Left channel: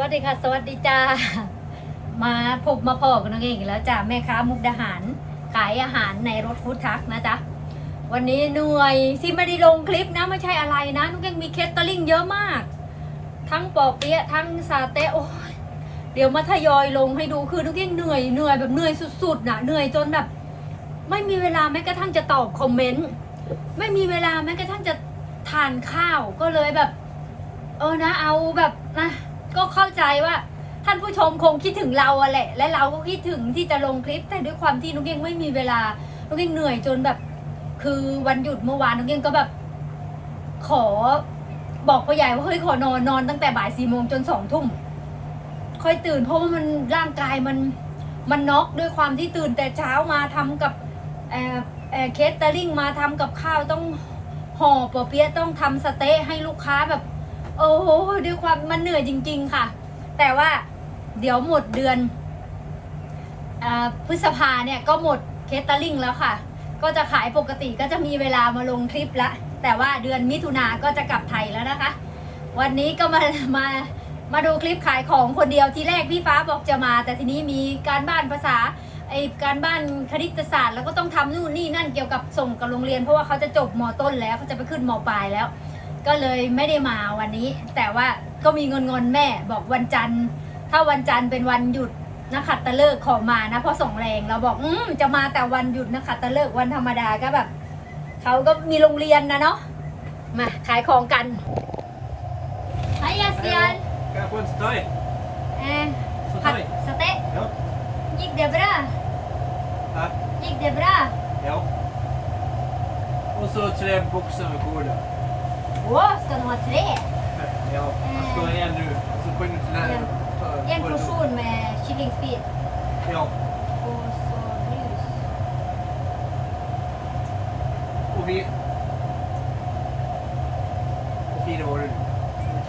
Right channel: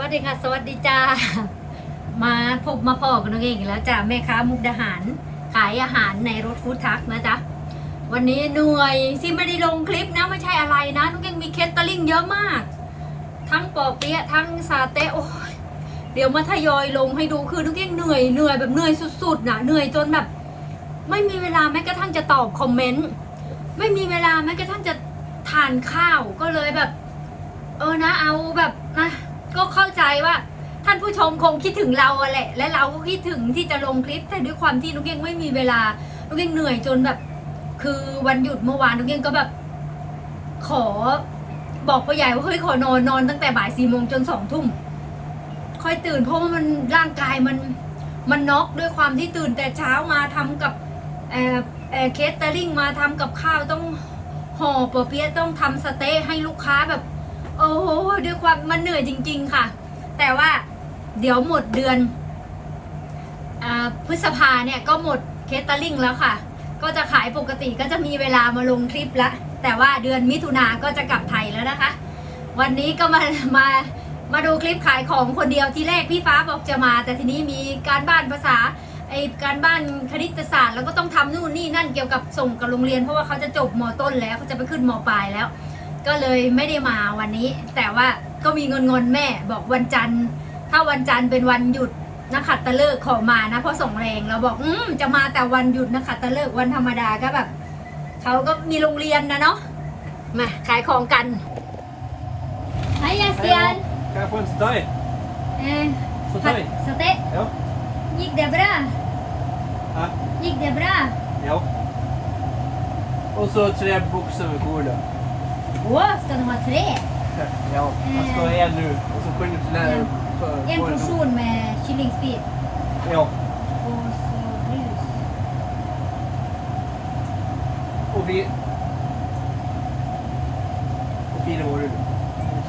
วัสดีค่ะ สวัสดีจ้า มาพบมาพอกันน้องเองอีกแล้วจ้าแม่ค้ามุกดาหาร ขายอาหารในรถฟู้ดทัคนะจ๊ะ วันนี้เหนื่อยที่ไม่ได้ลงคลิปนะไม่ใช่อะไรนะน้องเองมีเคสตอร์ลิงเยอะมาก ทั้งปอเปี๊ยะทั้งซาเต้โอ้ยเดี๋ยวมาทยอยลงให้ดูคือน้องเองเหนื่อยเหนื่อยแบบเหนื่อยสุดๆนะเหนื่อยจนแบบ ไม่มีเวลาแม้กระทั่งจะตอบคอมเมนต์ไม่มีเวลาแม้กระทั่งจะทานข้าวก็เลยแบบ เออนะเอาแบบนะ ก็เข้าใจว่าท่านผู้ชมคงคิดถึงเราอะแหละ และเราก็คิดถึงที่จะลงคลิป แต่ด้วยความที่นุกเก้งไม่มีเวลานุกเก้งเหนื่อยจนแบบ คือวันหยุดเมื่อวานนุกเก้งก็แบบ ขอบอกพ่อใหญ่ว่าเฮ้ยขอนอนนอนตั้งแต่บ่ายสี่โมงจนสองทุ่มค่อยตื่นเพราะว่ามันร่างกายมันมันน็อกด้วยความที่ตื่นแต่เช้ามาทำกับเออเออเคสเตอริงมาทำกับข้าวต้องห่อปอเปี๊ยะต้องทำสเต๊ะให้ลูกค้าแบบ โอ้โหด้วยความมันเหนื่อยจริง ๆ ค่ะ แต่ว่าเดี๋ยวหมดเดือนอพฤษภาเนี่ยก็หมดเคสเตอร์ลิงแล้วค่ะ ก็จะขายปกติก็จะมีเวลามาลงคลิปละ แต่ว่าเดือนมิถุนาก็จะกลับไทยแล้วนะคะ วันนี้ก็มามามาดูคลิปขายของคนเดียวที่แรกพี่ฟ้าบอกจะมา แต่ทีนี้มีการบ้านภาษาไอการบ้านคณิตศาสตร์แล้วก็ต้องทำนู่นนี่นั่นเกี่ยวกับส่งกับโรงเรียน เพราะว่าเขาจะจบมต้นแล้วเขาจะไปขึ้นมปลายแล้ว ก็เลยไม่ได้มาวันนี้ แต่ว่าก็มีเงินงอนๆแม่บอกวันจันทร์ ถ้าวันจันทร์เป็นวันหยุดนักขัดตะเลิกขอมานะเพราะส่งแรงเราบอกอืมจะมาแต่วันหยุดนักขัดตะเลิกวันธรรมดาก็แบบเขาก็มีโรงเรียนนะเนาะมาขายของกันไฮยาเซียน Kan jag få en stoj? เออ Stoj? สเต๊ะ Ja. ยิกเดบรา ja. ยิกเดบรา Ja. Och så tre boxar med cola. โว้สตัวมาเทร Ja, man ska ha en nu. Och så sjunger till läraren. Så- เอ็นโปรชูนมาชิลลิงสปีด Ja. Och vi... Hur fina var du?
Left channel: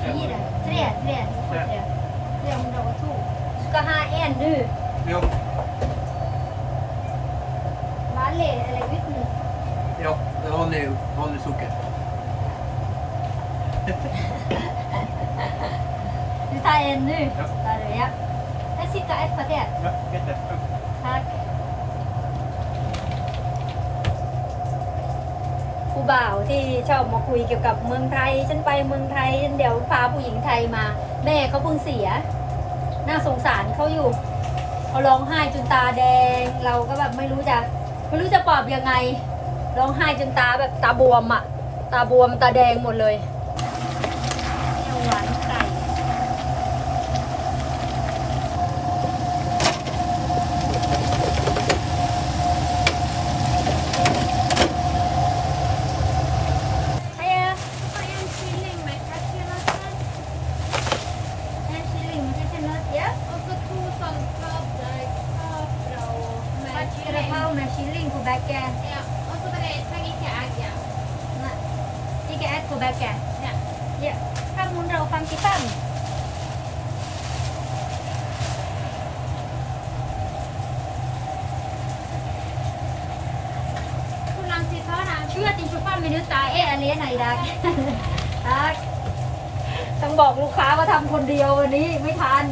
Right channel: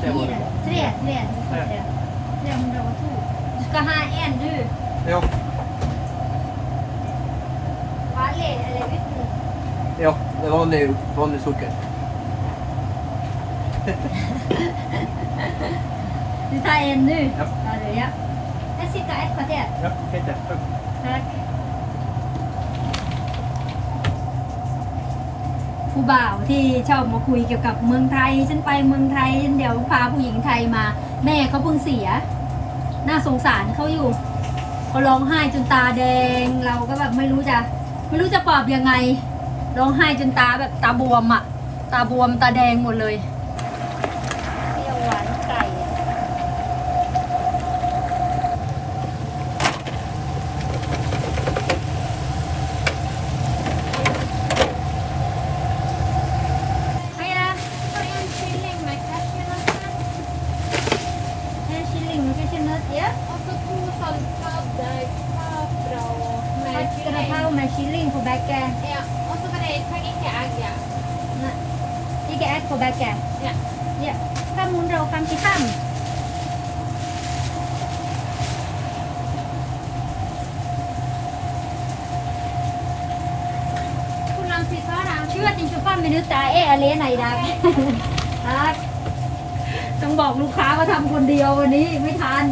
Tre var Fire. du. Tre, tre. Du får tre. 302. Du skal ha en, du. Ja. Vanlig eller uten? Ja, det är vanlig, vanlig socker. Du tar en nu. Ja. Tar du, ja. Der sitter ett kvarter. Ja, Peter. Tack. Takk. ผู้บ่าวที่ชอบมาคุยเกี่ยวกับเมืองไทย ฉันไปเมืองไทยฉันเดี๋ยวพาผู้หญิงไทยมา แม่เขาเพิ่งเสีย น่าสงสารเขาอยู่เขาร้องไห้จนตาแดง เราก็แบบไม่รู้จะไม่รู้จะปลอบยังไงร้องไห้จนตาแบบตาบวมอะตาบวมตาแดงหมดเลยเปรี้ยวหวานไก่อะ Hiya, Har du kylling med cashewnötter? en kylling med cashewnöt, ja. Och så två saltade kapra med Vad ska kylling. du ha med kylling på backen? Ja, och så var det taggige egg, ja. Nej, ikke æg på backen. Ja. Ja, 555. Hur lång tid tar det? 25 minutter er alene i dag. ต้องบอกลูกค้าว่าทำคนเดียววันนี้ไม่ทัน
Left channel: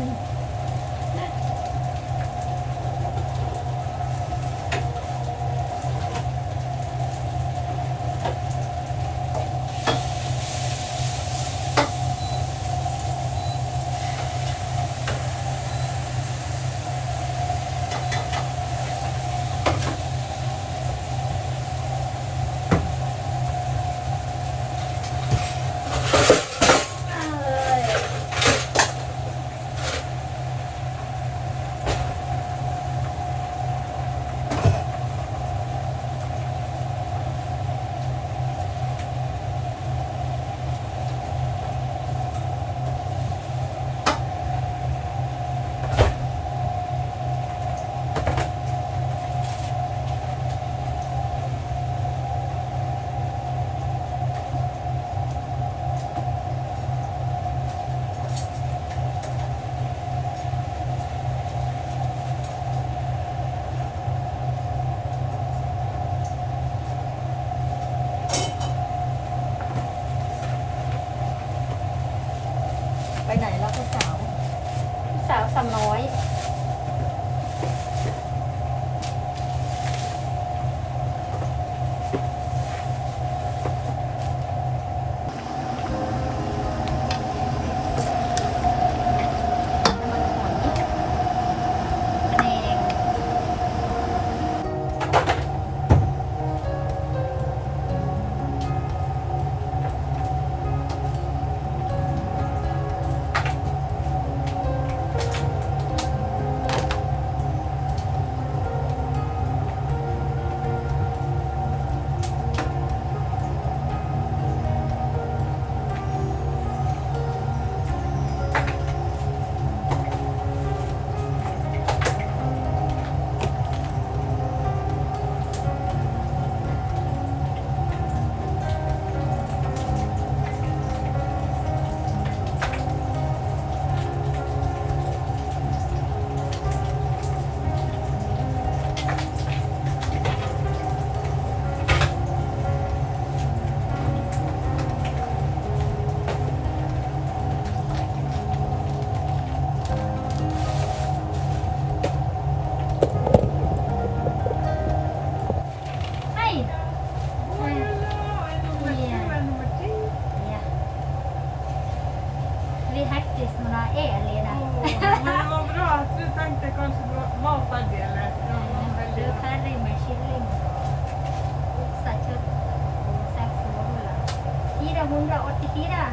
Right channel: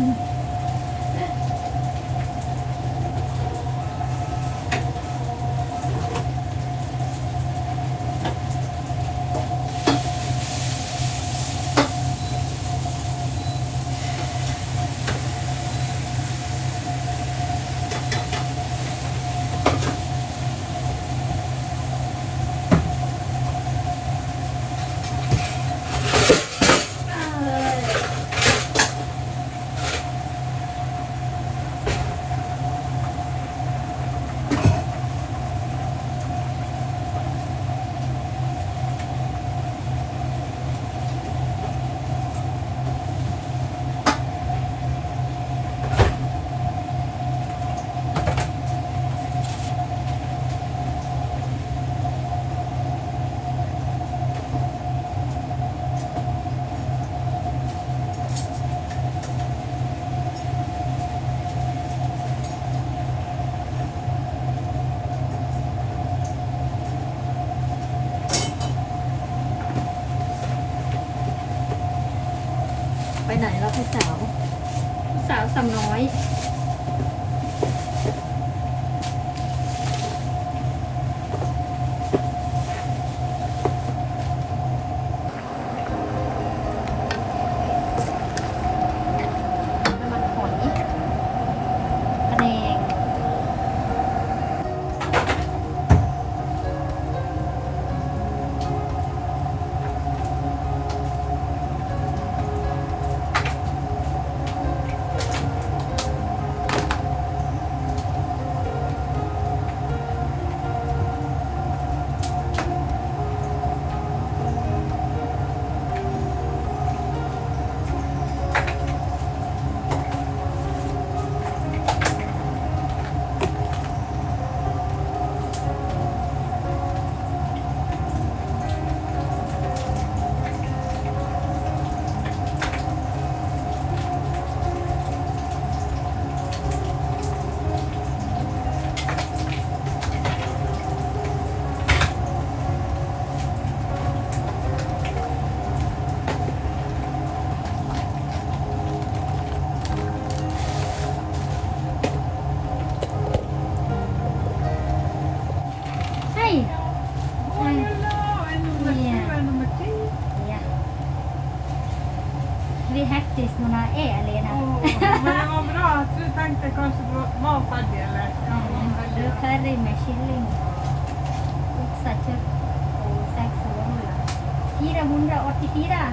484.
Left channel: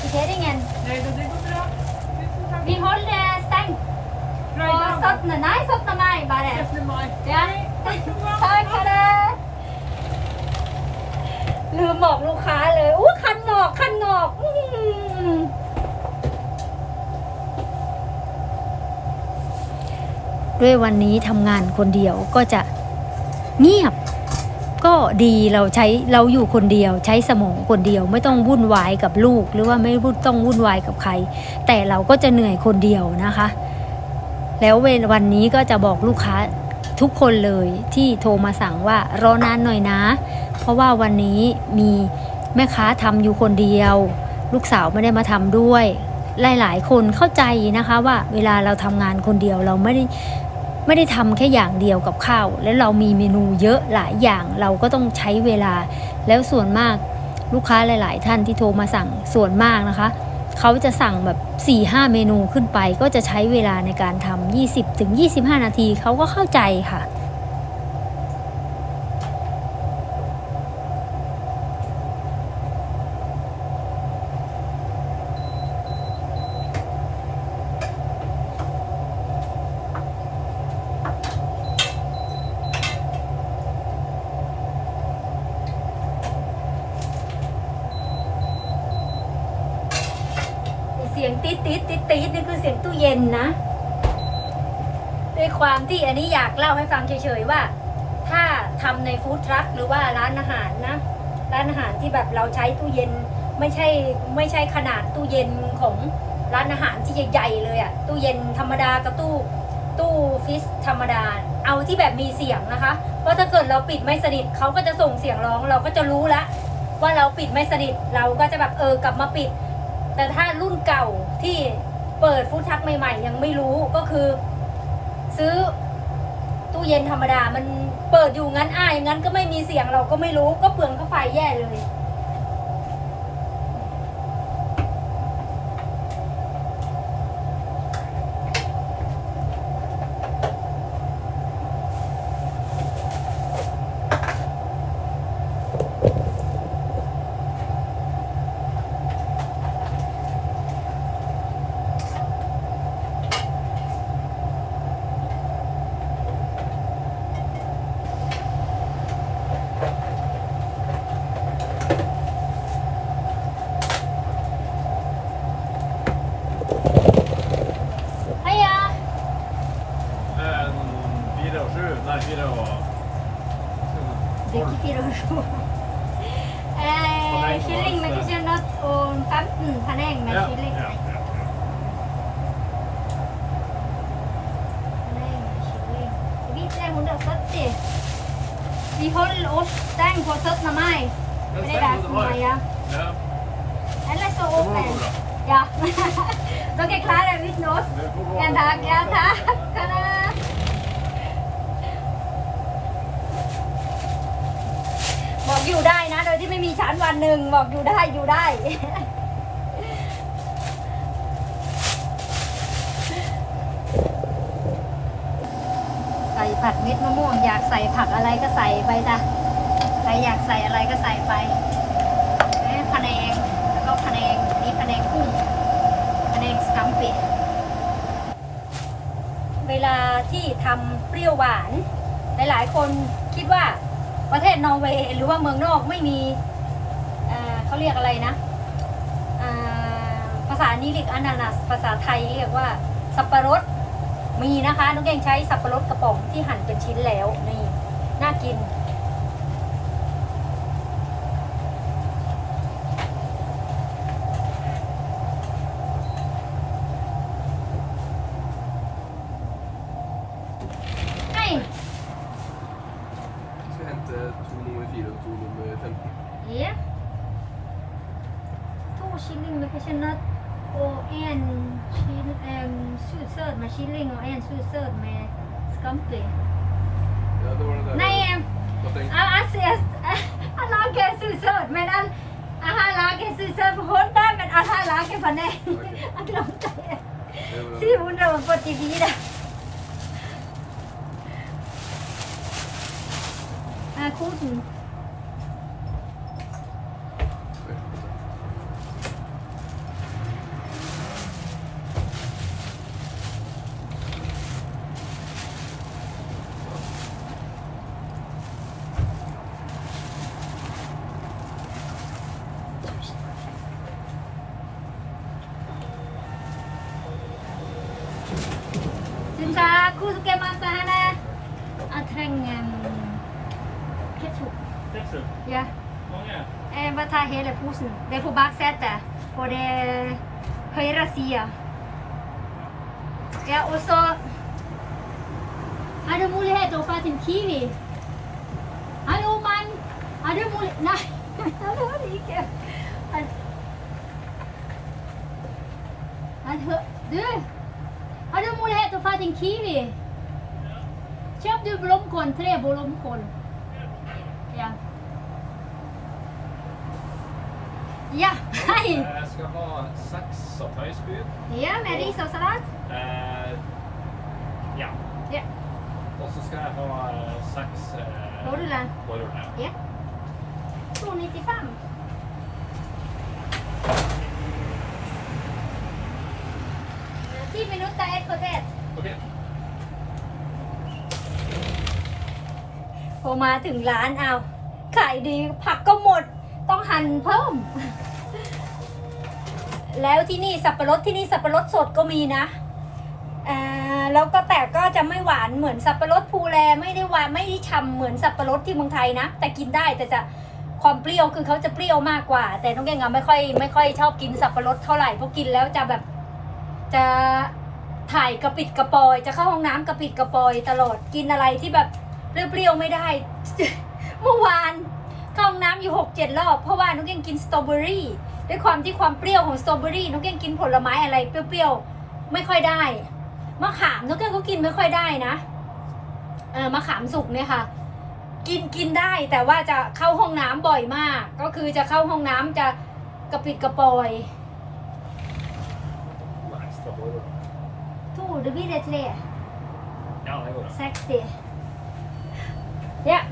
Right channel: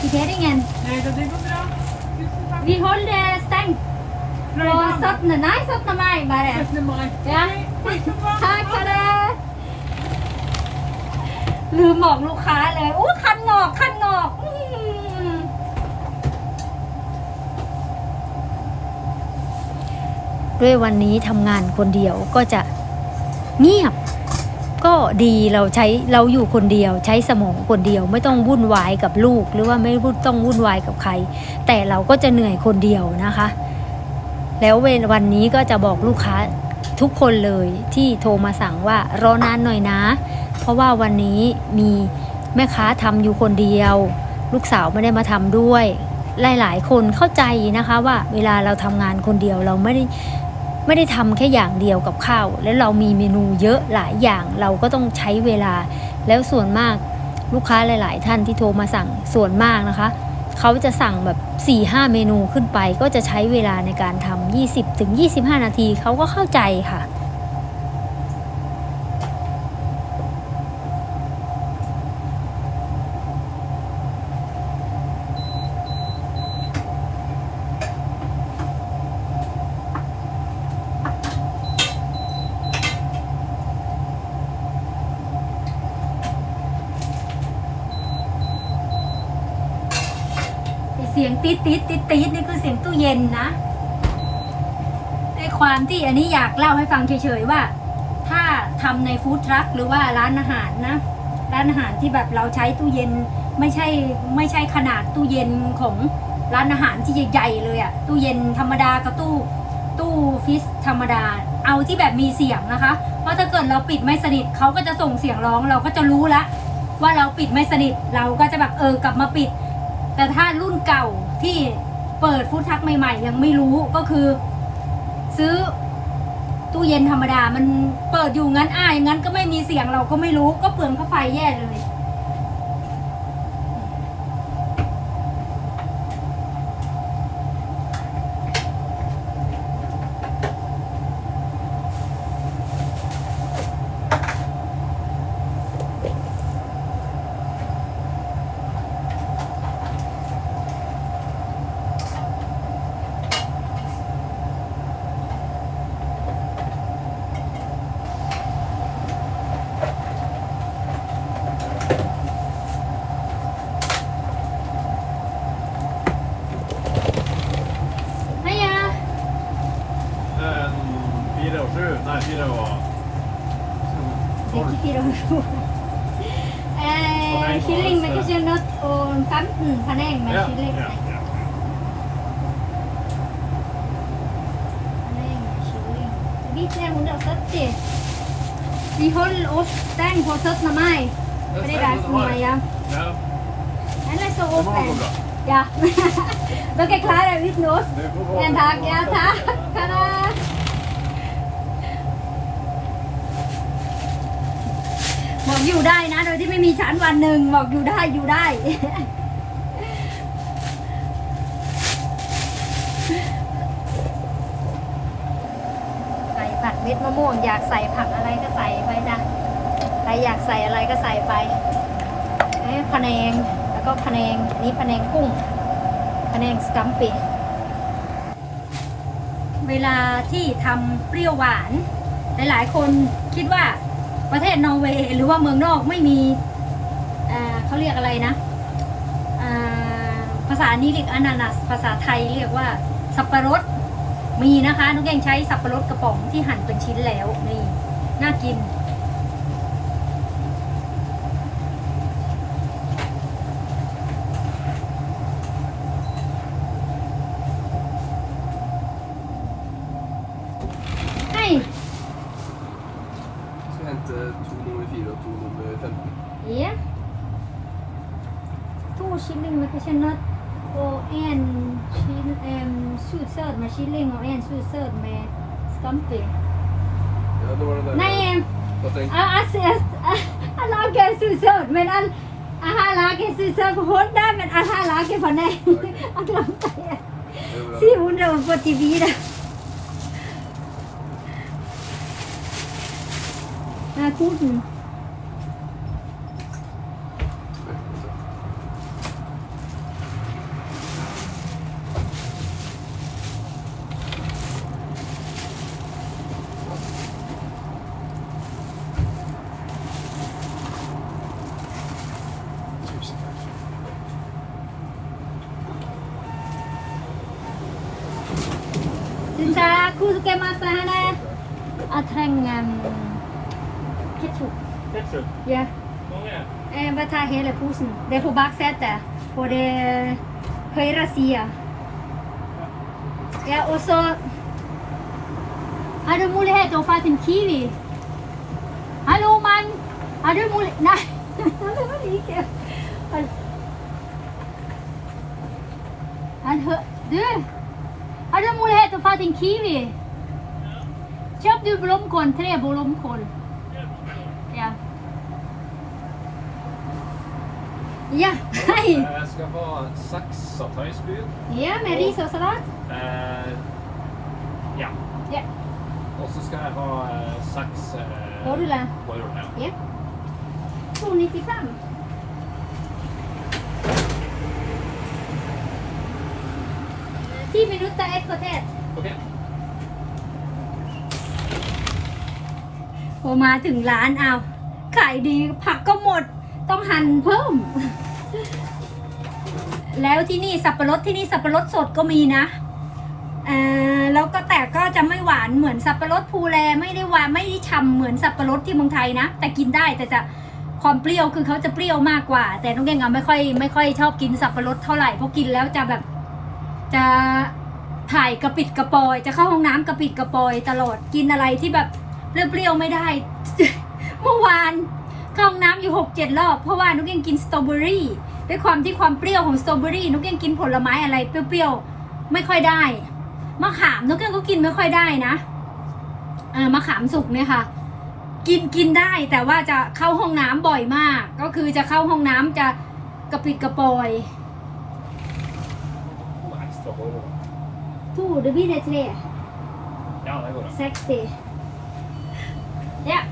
Kvitteringen. Nej, det går bra. Tusen tack. Vi håller stängt på 17. Nei, 17. mai bare. 17 maj. Ja. Tack så bra. ทักค่ะนะลืมบอกลูกค้าเลยอู้คันงอก คันงอกอื้อหือด้วยวันนี้ทำงานคนเดียวก็จะเงียบ ก็ดีเราใช้เราอยู่คนเดียว ใช้สมองคนเดียว ไม่ต้องวุ่นวายกับลูก หรือว่าไม่ต้องวุ่นวายกับใคร แต่เราก็จะเหนื่อยคนเดียวนะคะ แล้วเวลวันนี้ก็จะบอกลูกค้าทุกคนเลยที่โทรมาสั่งว่ารอนานหน่อยนะ เพราะว่าวันนี้มีแม่ค้าทำอยู่คนเดียว ลูกสาวไม่ได้มาทำด้วยหลาย ๆ คนเข้าใจนะคะว่าเวลาเราทำงานคนเดียวเราไม่ได้ ไม่ได้ทำแค่อย่างเดียวกับข้าว และเรามีเมนูเยอะหลายอย่างเราก็ต้องใช้เวลา แล้วส่วนมากลูกค้าหลาย ๆ ท่านที่โทรมาสั่งส่วนมากนะคะเขาจะสั่งแบบ4-5เมนูขึ้นไป ก็จะใช้เวลาในการทำ20ถึง25 นาทีเขาก็เข้าใจค่ะ สียงตีดตีดตีดตีดนี่คือเสียงตู้เย็นนะ ด้วยความที่อันนี้อยากเล่าให้ฟังเฉยๆว่า ถ้าทำในฟู้ดทรัคหรือว่าร้านอาหารนะ ร้านอาหารที่แบบเราใช้ตู้เย็นไม่ใช่ไม่ใช่ขนาดตู้เย็นของร้านอาหารที่ใหญ่ๆเลยอะตู้เย็นธรรมดากับตู้ตู้ฟิสธรรมดา เอาที่แบบมีเสียงนะคะ เพราะถ้าเกิดเราปิดไม่สนิทเขาก็จะส่งเสียงร้อง เราก็จะรู้ละว่าเราปิดไม่สนิทเราก็จะแบบเออกลับมาปิด แต่ถ้ารุ่นเก่าที่เปิดฟู้ดทักใหม่ ๆ ยังไม่รู้ก็คือ ซื้อตู้เย็นธรรมดา มันเปิดอยู่งั้นอ้ายงั้นก็ไม่มีเสียงเราก็ไม่รู้ก็เปลืองข้าไฟแย่เลย 470. Die Höllosten kostet normal. Det är ganska mycket, ja. Eller så open. Ja. Då kan jag klara ut något. En dag, ja tack. Hallå. Bọn dù đai nè, đôi thì mới mi sản và nừng, bọn dù đai, dù đai. ผัดเม็ดมะม่วง อยากใส่ผักอะไรก็ใส่ไปจ้ะใครอยากใส่อะไรก็ใส่ไปเอ๊ะพะแนงแล้วก็พะแนงนี่พะแนงกุ้งพะแนงสกัมปีเวลาที่ทำเปรี้ยวหวาน หลายๆ คนคิดว่าประเทศนอร์เวย์หรือว่าเมืองนอกไม่มีเเขาเรียกอะไรนะภาษานี้เรียกอนานัส ภาษาไทยเรียกว่าสับปะรด มีนะคะนุ๊กเองใช้สับปะรดกระป๋องที่หั่นเป็นชิ้นแล้วนี่น่ากิน Mm-hmm. Det är på baksätet, På det høyre sida. Ja, og så Har du mulighet til å få en Kiwi? Hallo, mann! Har du mulighet Nei, han hører ikke. Han, han. Du! Har du mulighet til å få en Kiwi? Kjøp du blomkål, tre blomkål. Ja, hei! Jeg skal ha seks sataisbud. Ja, med ris og salat. Eh, ja. Ja. Og så skal jeg ha eh, seks eh, Bolle. boller, ja. Ja. 295. Ti minutter, ett kvarter. Ok. พอมาถึงร้านเอา ขายดีผักก็หมด ต้องหั่นเพิ่ม แล้วที่นี่สับปะรดที่นี่สับปะรดสดก็มีนะเอ่อแล้วก็แต่ก็จะไม่หวานเหมือนสับปะรดภูแลไม่ได้หวานไม่ได้ฉ่ำเหมือนสับปะรดที่เมืองไทยนะ แต่กินได้แต่จะความเปรี้ยวคือเขาจะเปรี้ยวมากกว่า แต่น้องเก่งอะไม่ค่อยไม่ค่อยชอบกินสับปะรดเท่าไหร่เพราะกินแล้วจะแบบจะถ่ายกระปิดกระปอย จะเข้าห้องน้ำกระปิดกระปอยตลอดกินอะไรที่แบบเปรี้ยวๆไม่ได้ เมื่อวาน เข้าห้องน้ำอยู่หกเจ็ดรอบ เพราะว่านุกยังกินสตรอเบอรี่ด้วยความที่ความเปรี้ยวของสตรอเบอรี่นุกยังกินผลไม้อะไรเปรี้ยวๆไม่ค่อยได้มะขามนุกยังก็กินไม่ค่อยได้นะเออมะขามสุกเนี่ยค่ะ กินกินได้แต่ว่าจะเข้าห้องน้ำบ่อยมาก ก็คือจะเข้าห้องน้ำจะกระปิดกระปอยทูเดบิเดเท Ja, det går bra. เซ็กซี่เนี่ย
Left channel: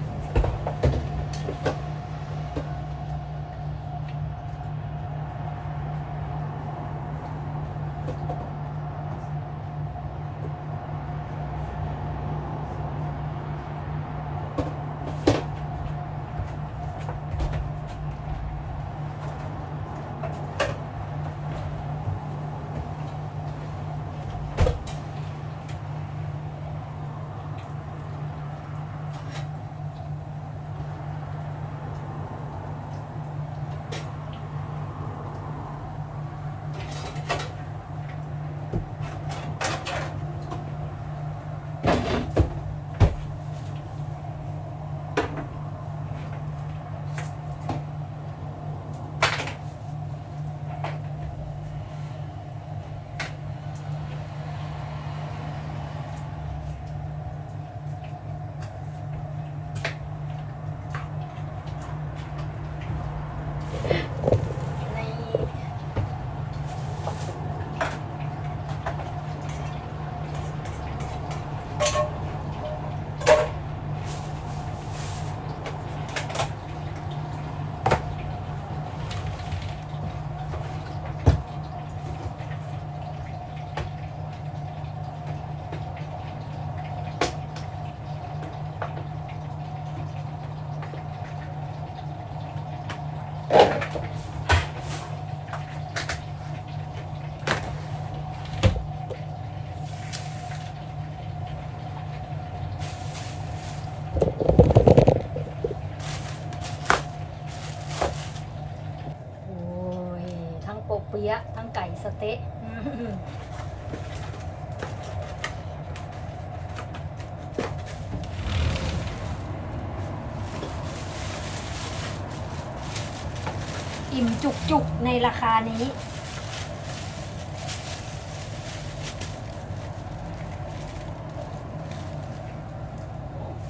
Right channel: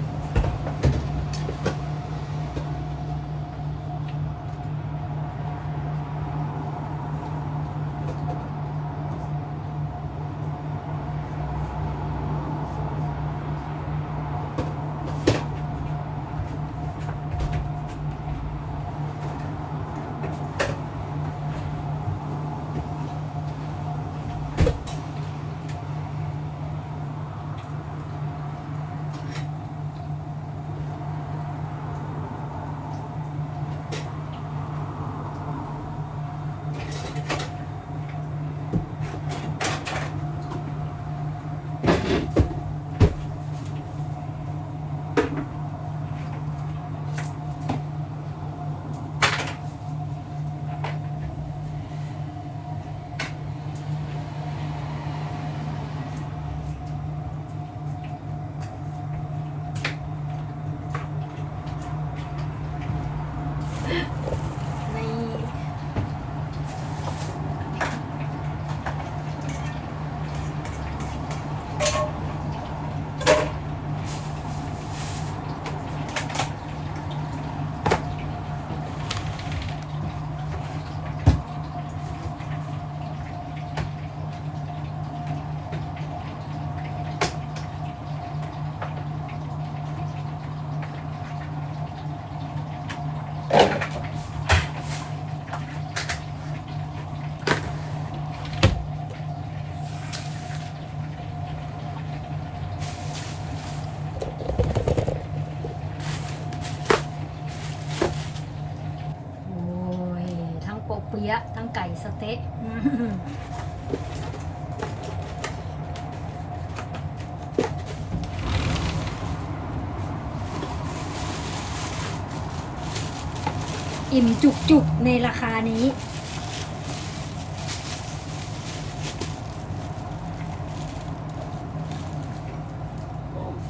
อิ่มจุกๆ ในราคานี้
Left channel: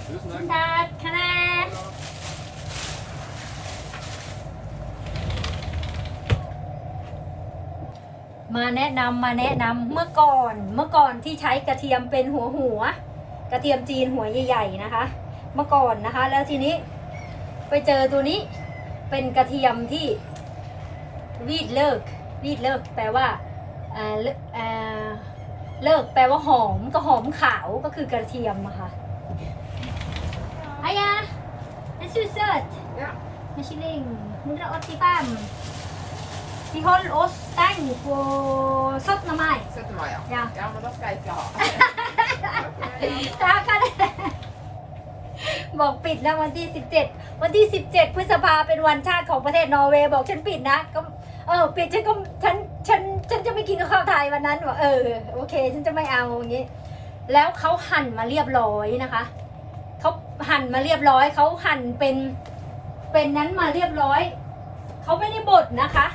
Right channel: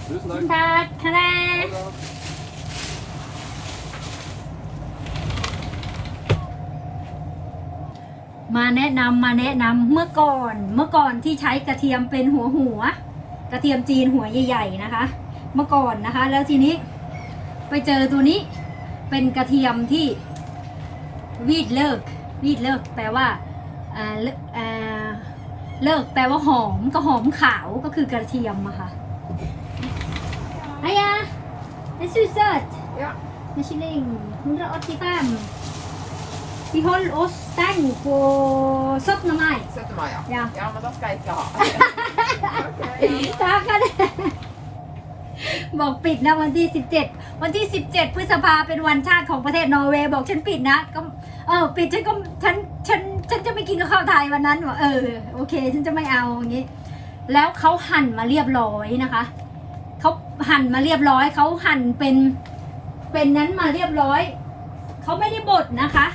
Tusen คุณตาทะเล มาแนะนำมาแนะนำเมื่อก่อนเมื่อก่อนที่ใช้กระเทียมเป็นหัวหัว กระเทียมจีนหัวใหญ่ๆนะคะ เมื่อก่อนนะคะ แล้วทีนี้ ไปเจอตัวนี้เป็นกระเทียมที่ วีดเลิกวีดเลิกแปลว่าเอ่อเลิกเอ่อเลิกแปลว่าหอมก็หอมขาวก็คือกระเทียมอะค่ะอายาเอซูเซอร์ Ja. มาชิลิง185 Vi holder oss stengt på 17. mai. 17 mai, ja. Ja. Ja, men da skal jeg ikke ha. ตากันบอกปิดนะวันที่ 17 วันที่ 17 พฤษภาเป็นวันชาติของประเทศนอร์เวย์บอกฉันปิดนะก็ เออปิดฉันก็ฉันฉันฉันจะไปกินข้าวไทยวันนั้นว่าเออโอเค ฉันจะไม่เอาอย่างนี้ แล้วเขาหั่นมาเรียบร้อยนะคะเขาหั่นมาเรียบร้อยเขาหั่นเป็นเป็นนั้นมาเรียบร้อยเขาไม่ได้บดนะคะ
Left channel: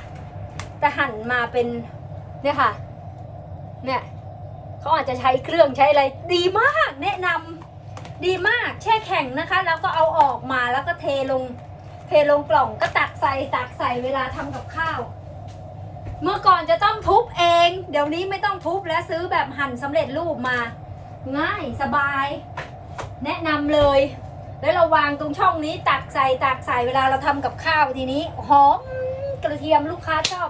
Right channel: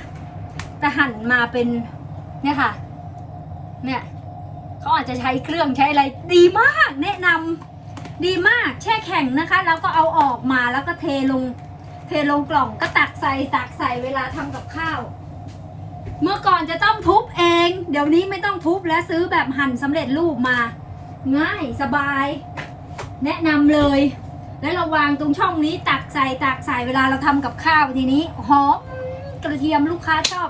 แต่หั่นมาเป็นเนี่ยค่ะ เนี่ยเขาอาจจะใช้เครื่องใช้อะไรดีมาก แนะนำดีมากแช่แข็งนะคะ แล้วก็เอาออกมาแล้วก็เทลงเทลงกล่องก็ตักใส่ตักใส่เวลาทำกับข้าว เมื่อก่อนจะต้องทุบเอง เดี๋ยวนี้ไม่ต้องทุบแล้วซื้อแบบหั่นสำเร็จรูปมา ง่ายสบาย แนะนำเลย แล้วเราวางตรงช่องนี้ตักใส่ตักใส่เวลาเราทำกับข้าวทีนี้หอมกระเทียมลูกค้าชอบ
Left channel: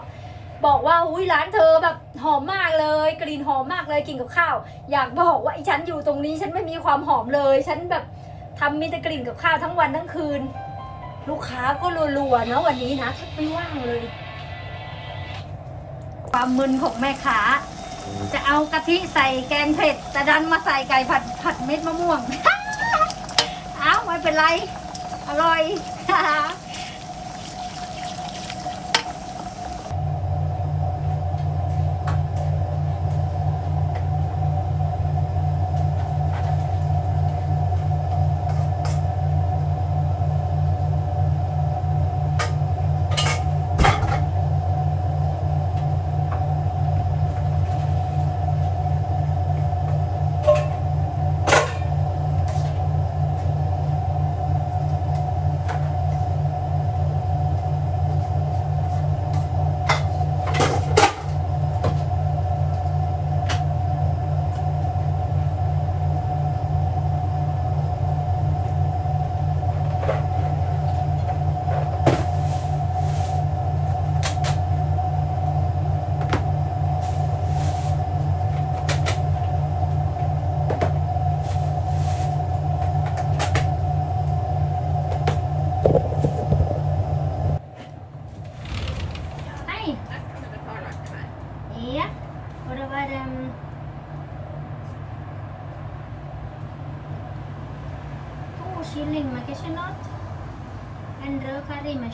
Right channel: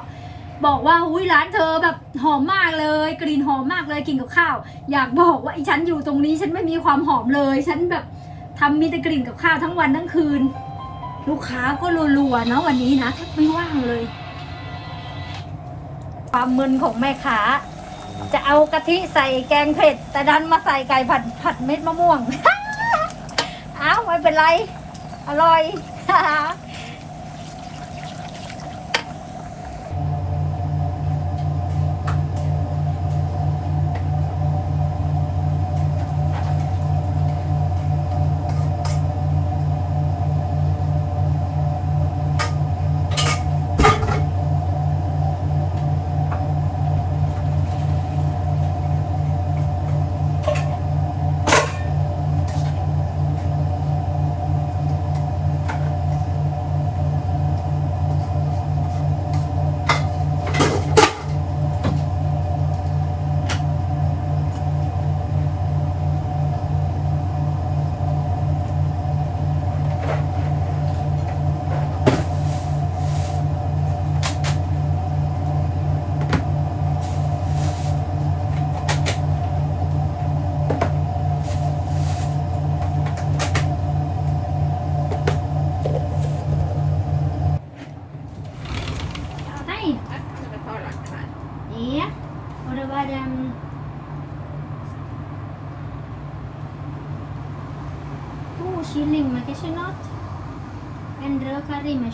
บอกว่าอุ้ยร้านเธอแบบหอมมากเลย กลิ่นหอมมากเลยกินกับข้าว อยากบอกว่าไอ้ฉันอยู่ตรงนี้ฉันไม่มีความหอมเลย ฉันแบบทำมีแต่กลิ่นกับข้าวทั้งวันทั้งคืน ลูกค้าก็รัวๆเนาะวันนี้นะแทบไม่ว่างเลย ความมึนของแม่ค้าจะเอากะทิใส่แกงเผ็ด แต่ดันมาใส่ไก่ผัดผัดเม็ดมะม่วง อ้าวไม่เป็นไร อร่อย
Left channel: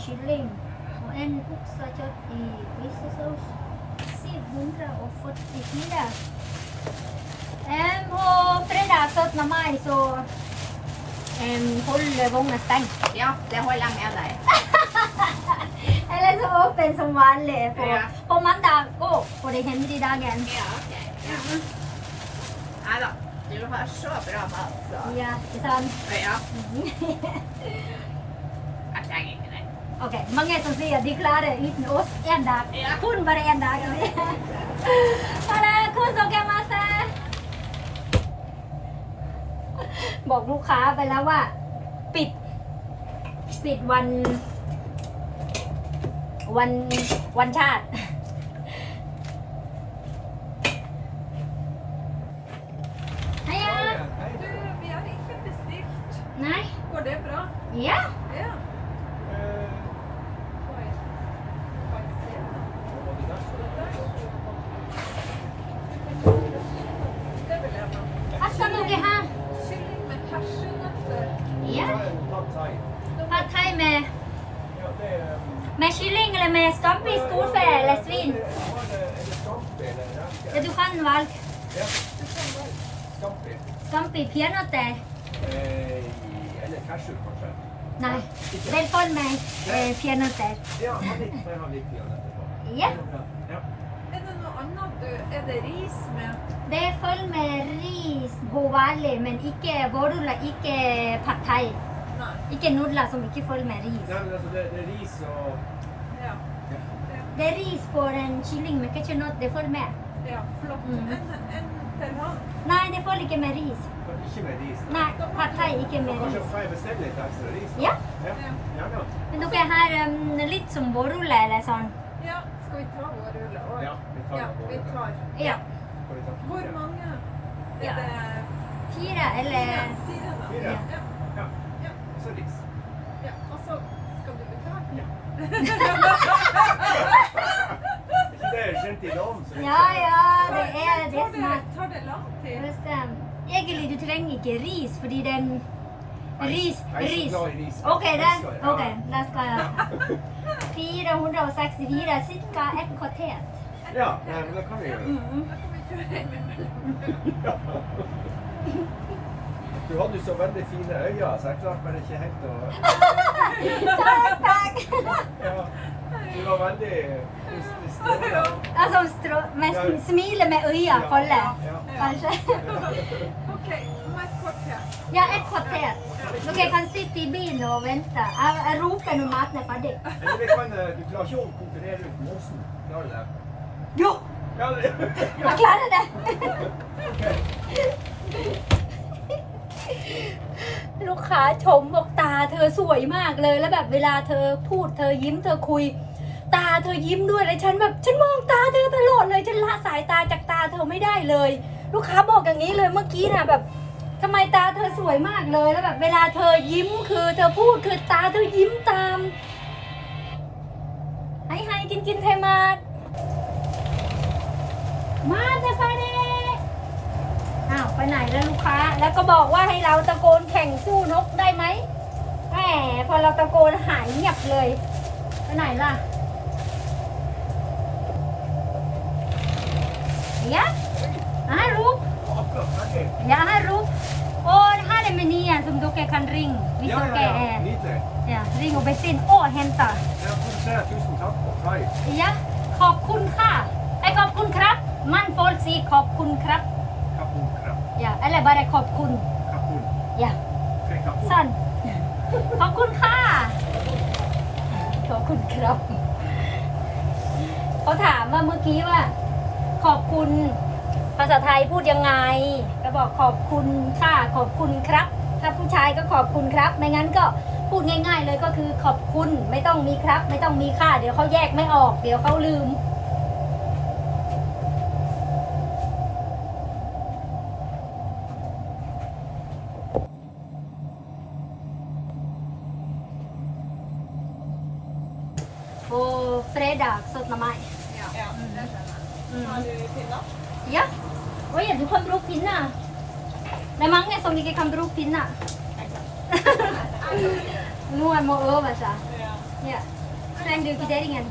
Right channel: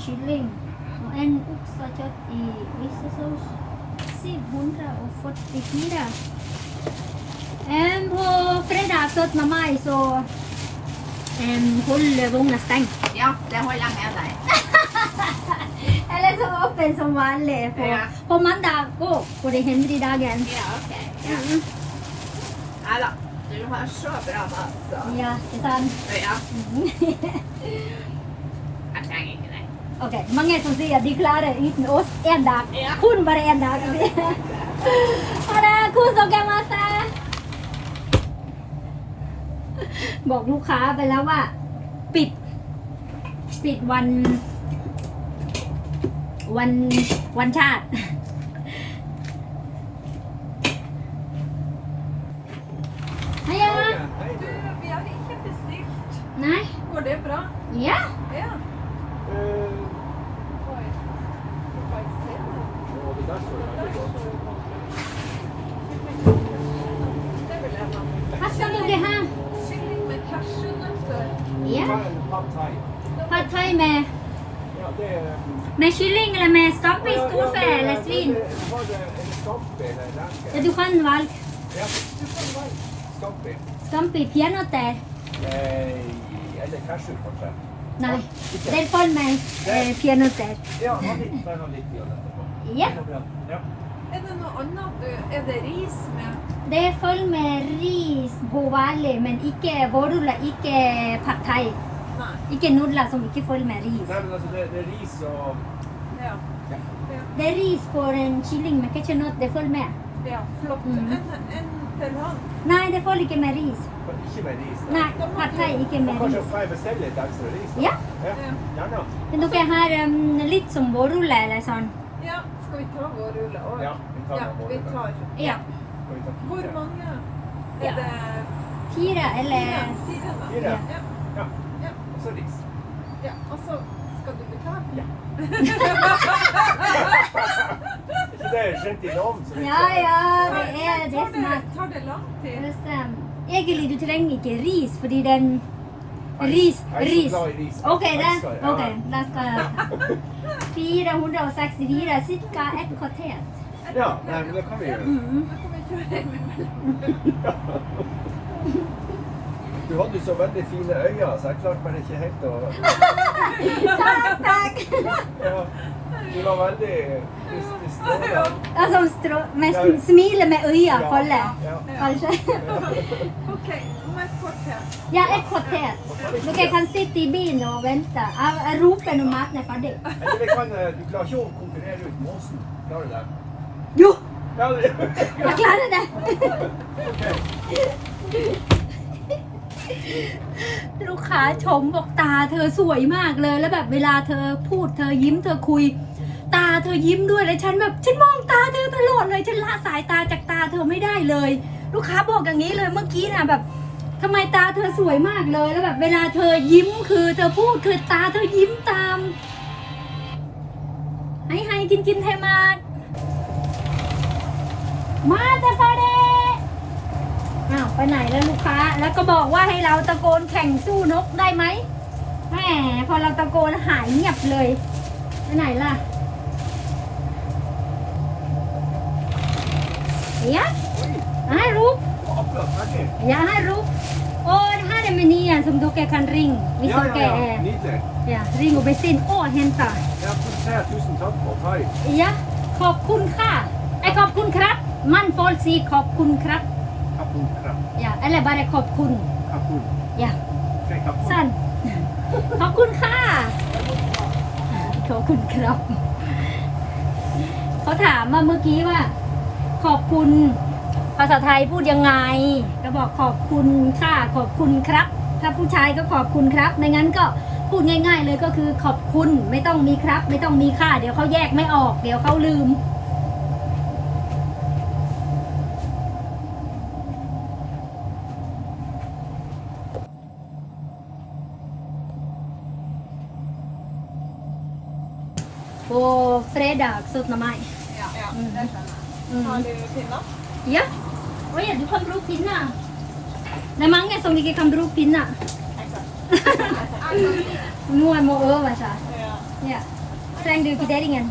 curry med kylling og en oksekjøtt i risesaus. 744. Um, på fredag 17. mai så um, holder vogna stengt. Ja, det holder jeg med deg. Eller så åpen som vanlig på, Ja. på mandag òg, for det hender i dagen. Ja, ok. Ja. Nei da. Du har så bra mat, så Ja, ikke sant? ja. Jeg trenger ikke deg. Ok, mange som sier at de klarer uten oss én dag. Ja. Kun bare én dag. Ha det! Kos dere masse! บอกลูกค้าไปแล้วว่า ปิด ปิดวัน วันวันชาติ Hei, ja. Du, vi har ikke bestilt. Nei? Går det bra? Ja. Ja. Oi. Får jeg se det? Det vil jeg ha. Hva skal dere ha? Kylling med cashewnøtter. Ja. Pad thai. Pad thai med, Ja, det er med kylling eller med stappe i storfe eller svin? Var det en stapp spelen i Ja, Lanka. du kan valg. Ja, du kan være Skampi. Scampi pianote. Eh, Eller cashew, kanskje. Nei, den følger med eh, pianote. Ja, ha litt, bare ha litt i den etterpå. Ja. Ja. Er det noe annet du Er det ris med det følger med ris på vanlig, men ikke vårruller, ikke pad thai. Nei. Ikke nudler som ikke følger med ris. Nei, men altså, det, det er ris og Ja. ja. Det er ris på den kylling med ketchup, det følger med. ja flott. Mhm. En, en til han. Nei, det følger ikke med ris. Ikke med ris. da. Nei, pad thai ikke Og med kanskje ris. får jeg bestille litt ekstra ris? da? Ja. ja. Ja. Gjerne. Men dere har um, litt som vårruller eller sånn. Vi ta vår rulle òg? Ja, vi tar Ja, vi tar. Ja? Hvor mange? Ja. Er det fire eller fire? Fire, da? Fire. Ja. Ja. Ja. Og så ris. ja. Og så skal du betale? Ja. Ikke det er skjønt i navn, så Ja, ja, det er det som er tar det lang tid? Egentlig, du trenger ikke ris, fordi den Ris, ris. OK, det. Ok, da skal jeg 464, ca. ett kvarter. Ja, nei, men det kan vi gjøre. Mm. Da kan vi kjøre hjem imellom. Du hadde jo så veldig fine øyne, så jeg klarte bare ikke helt å Takk, takk. ja, Du var veldig du, du stråla. Og som strå, med sm- smiler med øya, Kalle. Ja. Kanskje. OK, om et kvarter. Ja, ett kvarter. Dere kan sitte i bilen og vente. Jeg, jeg roper når maten er ferdig. Eller vi kan, eh, du klarer ikke å konkurrere ut måsen. Klarer du det? Jo, Ja, det jeg klarer det. ลูกค้าชมบอกตาเธอสวยมากเลย แล้วแบบเวลาเธอพูดเธอยิ้มเธอคุย ตาเธอยิ้มด้วยเลยฉันแบบฉันมองตาเธอตลอดเลยฉันละสายตาจากตาเธอไม่ได้เลย ลูกค้าบอกอย่างนี้เลยเมื่อกี้นะแบบ ทำไมตาเธอสวยมากเลยแล้วแบบเวลาเธอยิ้มคือเธอพูดคือตาเธอยิ้มตามให้ให้กินกินไทยมามาตาซาเดอ้าวไปไหนแล้วลูกค้า แล้วก็บอกว่าให้เราตะโกนแข่งสู้นกได้ไหมแหมพอเราตะโกนหายเงียบเลยไปไหนล่ะ Ja, här upp. Akkurat ferdig. Ja, här upp. Och det här är menyn som dere kan ringa. Hvis Ja, ja, dere ja. er Nydelig. ja, ring og bestill og hente. Jeg produserer tusen takk på Kai. ยะขอบคุณค่ะไอ้ขอบคุณครับ มันฟอลซีขอบคุณครับ Kapun krab. อย่าอะไรบาร์ขอบคุณ Kapun. อย่า Ok, kapun. สั้นขอบคุณค่ะขอบคุณครับเขาถามว่าเมื่อกี้ว่า ขอบคุณ ภาษาไทยพูดยังไง ก็บอกขอบคุณค่ะขอบคุณครับ ถ้าผู้ชายก็ขอบคุณครับ ไม่งั้นก็พูดง่าย ๆ เลยก็คือขอบคุณไม่ต้องมีครับ ไม่ต้องมีค่ะเดี๋ยวเขาแยกไม่ออก เดี๋ยวเขาลืม på fredag 17 mai. Ja, ja, Mm. det skjønner jeg. Mm. Har du pinner? Ja. Oi, du kan bruke pinner. Det er mange som ikke kan bruke pinner. Noen må øve seg. Ja. Trenger du? Nei, det.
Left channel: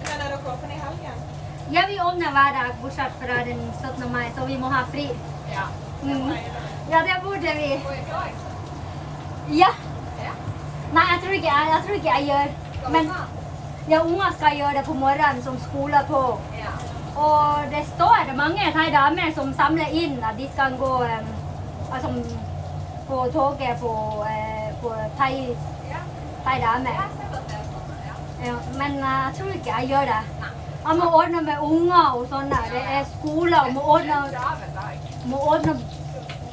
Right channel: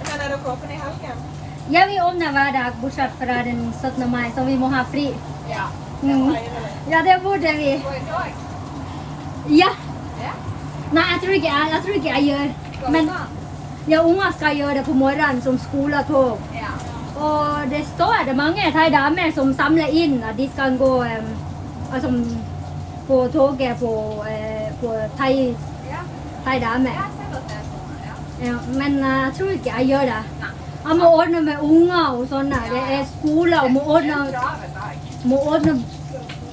Men er dere åpne i helgen? Ja, vi åpner hver dag, bortsett fra den 17. mai, så vi må ha fri. Ja. Mm. Det burde vi. Ja. Ja. Nei, jeg tror ikke jeg, jeg, tror ikke jeg gjør. Men ja, unger skal gjøre det på morgenen som skoletog. Ja. Det står mange thai som samler inn at de skal gå altså, på toget på, på thai, Ja. ja. Men jeg tror ikke jeg gjør det. Jeg må ordne med unger og sånn. Det er skole og må ordne, må ordne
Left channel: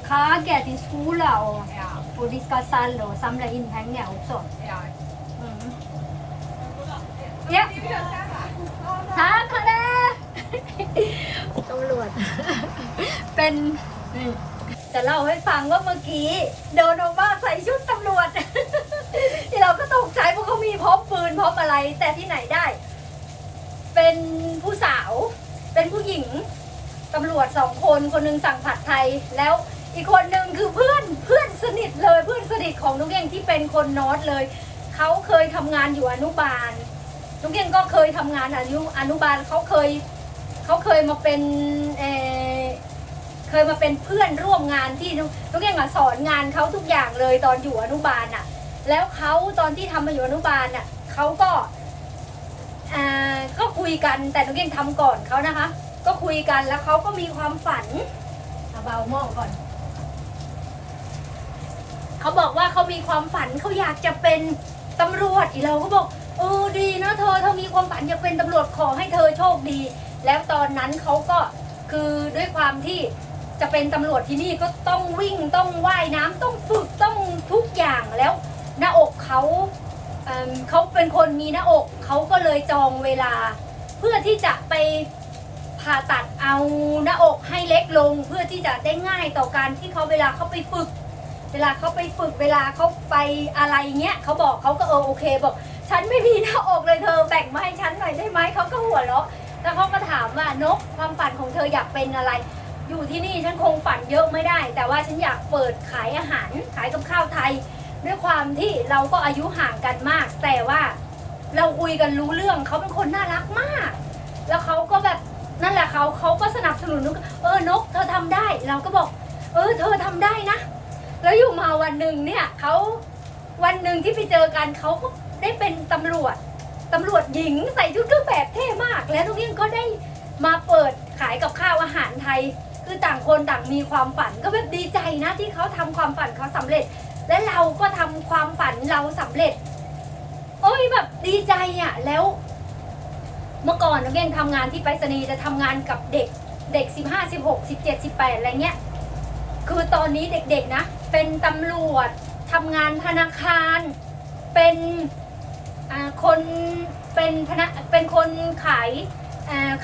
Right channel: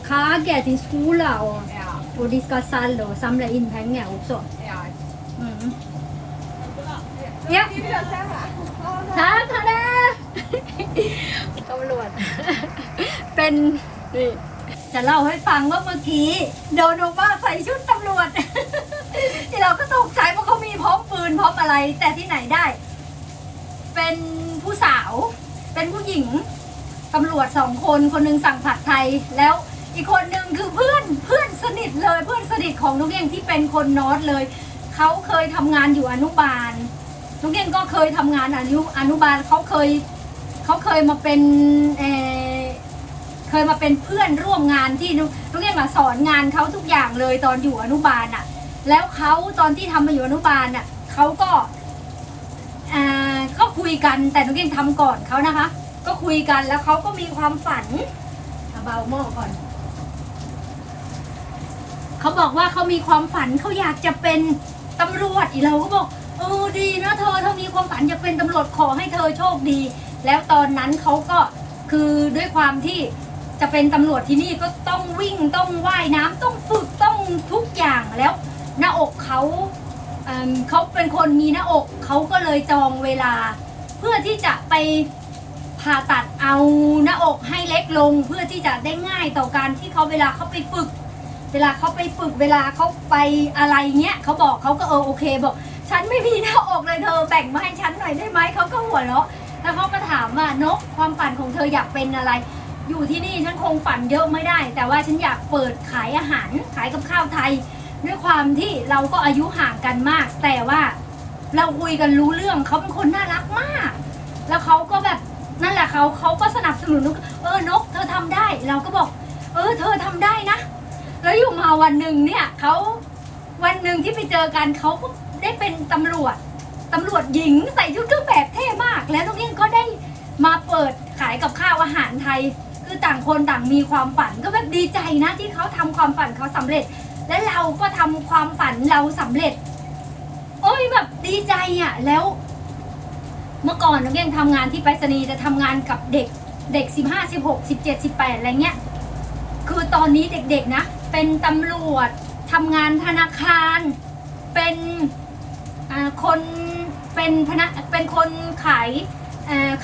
kake til skole. Og, og de skal selge og samle inn penger også. Mm. Ja. Det. ตำรวจ เป็นนี่จะเล่าให้ฟังว่าเมื่อกี้โดนออกมาใส่ชุดตำรวจ ที่เราก็ตกใจเพราะเขามีพร้อมปืนพร้อมอะไร แต่ที่ไหนได้ เป็นผู้สาว เป็นผู้หญิงตำรวจสองคนคนหนึงสั่งผัดไทย แล้วอีกคนหนึ่งคือเพื่อนเพื่อนสนิทเลยเพื่อนสนิทของนุกเองที่เป็นคนนอตเลยเขาเคยทำงานอยู่อนุบาลนุกเองก็เคยทำงานอนุอนุบาลเขาเคย เขาเคยมาเป็นเออเคยมาเป็นเพื่อนร่วมงานที่นุนุกเองอะสอนงานเขาทุกอย่างเลยตอนอยู่อนุบาลอะแล้วเขาตอนที่ทำมาอยู่อนุบาลอะเขาก็อ่าก็คุยกันแต่นุกเองทำก่อนเขานะคะ ก็คุยกันแล้วเขาก็มีความฝันเอาเบาหม้อก่อนเขาบอกว่าเขามีความฝันเขาอยากจะเป็นตำรวจอีเราก็บอกเออดีนะเธอเธอมีความฝันอยากเป็นตำรวจขอให้เธอโชคดี แล้วตอนนั้นเขาก็คือด้วยความที่จะเป็นตำรวจที่นี่ก็ต้องวิ่งต้องว่ายน้ำต้องฝึกต้องทุกอย่างแล้ว หน้าอกเขาเเขาเป็นคนมีหน้าอกเขาก็เลยจองเวลา เพื่อที่จะไปผ่าตัดเอาหน้าอกให้เล็กลง เพื่อที่จะได้ง่ายต่อการที่เขาเวลาเขาไปฝึก เวลาเขาไปฝึกเวลาเขาไปอะไรเงี้ยเขาบอกเขาก็เออโอเคบอก ฉันไม่มีหน้าอกเลยเธอแบ่งมาให้ฉันหน่อยได้ไหมเขาก็หัวเราะ แล้วเขาก็ถามว่านกความฝันของเธออยากเป็นอะไร อยู่ที่นี่ฉันคงฝันเยอะไม่ได้ แต่ว่าฉันอยากเปิดขายอาหารขายกับข้าวไทย ด้วยความที่เราก็อายุห่างกันมาก แต่ว่าเราคุยกันรู้เรื่องเขาเป็นคนน่ารักมาก แล้วเขาก็แบบนั่นแหละเขาเขาก็สนับสนุนนกเออนก เธอทำได้ เราก็บอก เออ เธอทำได้นะ แล้วอยู่มาวันหนึ่งเนี่ยเขาวันหนึ่งที่ไปเจอกันเขาก็ได้เป็นตำรวจ ตำรวจหญิงใส่ชุดเครื่องแบบเท่มาก แล้วตรงนี้ก็ได้มาเปิดขายกับข้าวอาหารไทย คือต่างคนต่างมีความฝันก็แบบดีใจนะที่เขาทำความฝันเขาสำเร็จ และเราก็ทำความฝันเราสำเร็จ โอ้ยแบบดีใจอะแล้ว เมื่อก่อนน้องเก่งทำงานที่ไปรษณีย์จะทำงานกับเด็กเด็กสิบห้าสิบหกสิบเจ็ดสิบแปดอะไรเงี้ย คือตอนนี้เด็กๆนะ เป็นตำรวจทำงานธนาคาร เป็นอ่าคน เป็นพนักเป็นคนขาย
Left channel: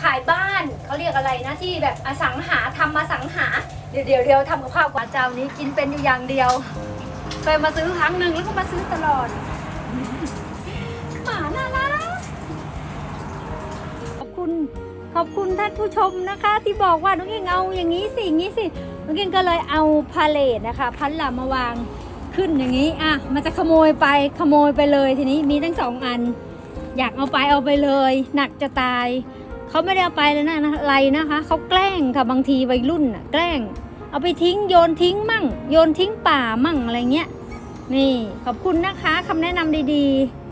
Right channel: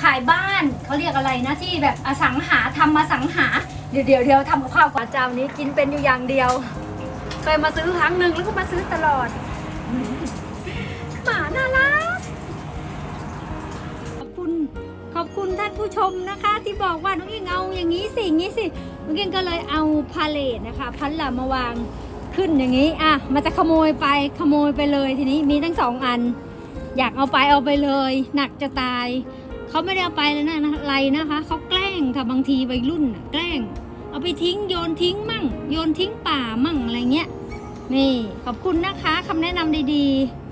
ขายบ้านเขาเรียกอะไรนะที่แบบอสังหาทำมาสังหา เดี๋ยวเดี๋ยวเดี๋ยวทำกับข้าวกว่าเจ้านี้กินเป็นอยู่อย่างเดียว เคยมาซื้อครั้งหนึ่งแล้วก็มาซื้อตลอดหมาน่ารักขอบคุณขอบคุณท่านผู้ชมนะคะ ที่บอกว่าน้องเองเอาอย่างนี้สิอย่างนี้สิน้องเองก็เลยเอาพาเลทนะคะพันหลามาวางขึ้นอย่างนี้อะมันจะขโมยไปขโมยไปเลยทีนี้มีทั้งสองอัน อยากเอาไปเอาไปเลย หนักจะตายเขาไม่ได้เอาไปเลยนะอะไรนะคะเขาแกล้งค่ะบางทีวัยรุ่นน่ะแกล้ง เอาไปทิ้งโยนทิ้งมั่ง โยนทิ้งป่ามั่งอะไรเงี้ยนี่ขอบคุณนะคะคำแนะนำดีๆ